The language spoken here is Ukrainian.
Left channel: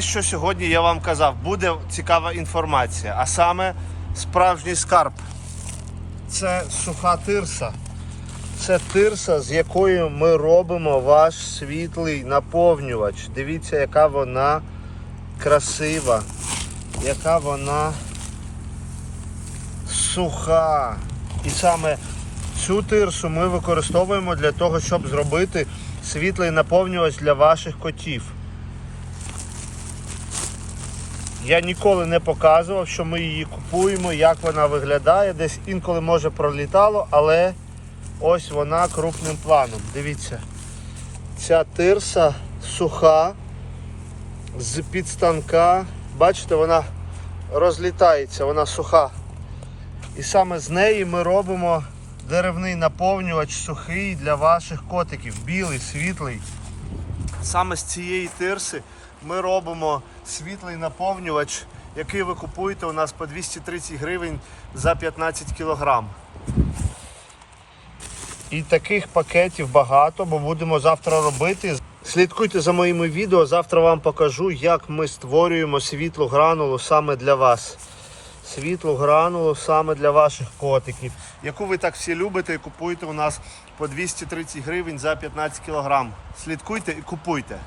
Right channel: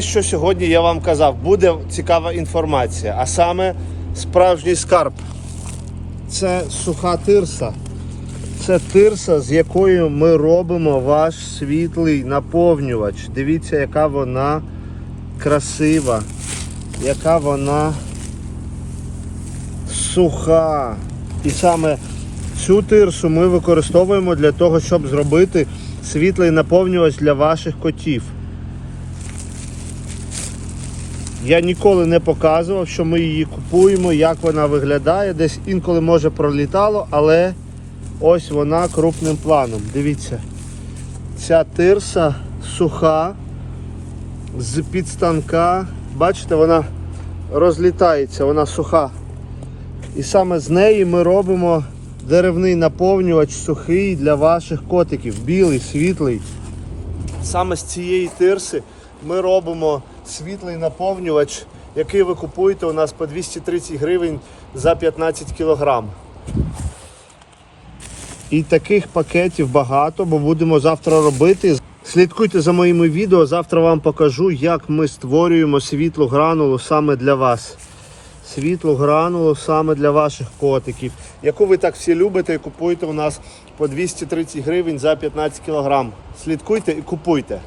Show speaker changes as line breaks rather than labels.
Що сьогодні я вам казав, буде цікава інформація, а саме справжній скарб. Це суха тирса. Це тирса, з якою ми робимо ваш світлий наповнювач. Дивіться, яка вона красива, яка вона суха. І саме цю тирсу ми використовуємо для того, щоб зробити світлий наповнювач для ваших котів. Я ніколи не показував, що ми її купуємо, як вона виглядає. Десь інколи може пролітало, але ось вона крупним планом. Дивіться. Ця тирса суха з підстанка. Бачите, вона розлітається, вона суха. І саме з неї ми робимо деревний наповнювач сухий для ваших котиків. Білий, світлий. Саме з цієї тирси ми робимо світлий наповнювач, який ви купуєте у нас по 230 гривень за 15 кілограм. І таких пакетів багато, бо будемо завтра робити. Слідкуйте за моїми відео. Завтра вам покажу, як ми створюємо світлу гранулу саме для вас. Світлу гранулу саме для ваших котиків, яку ви так всі любите і купуєте у нас по 230 гривень за 15 кілограм. Слідкуйте і купуйте.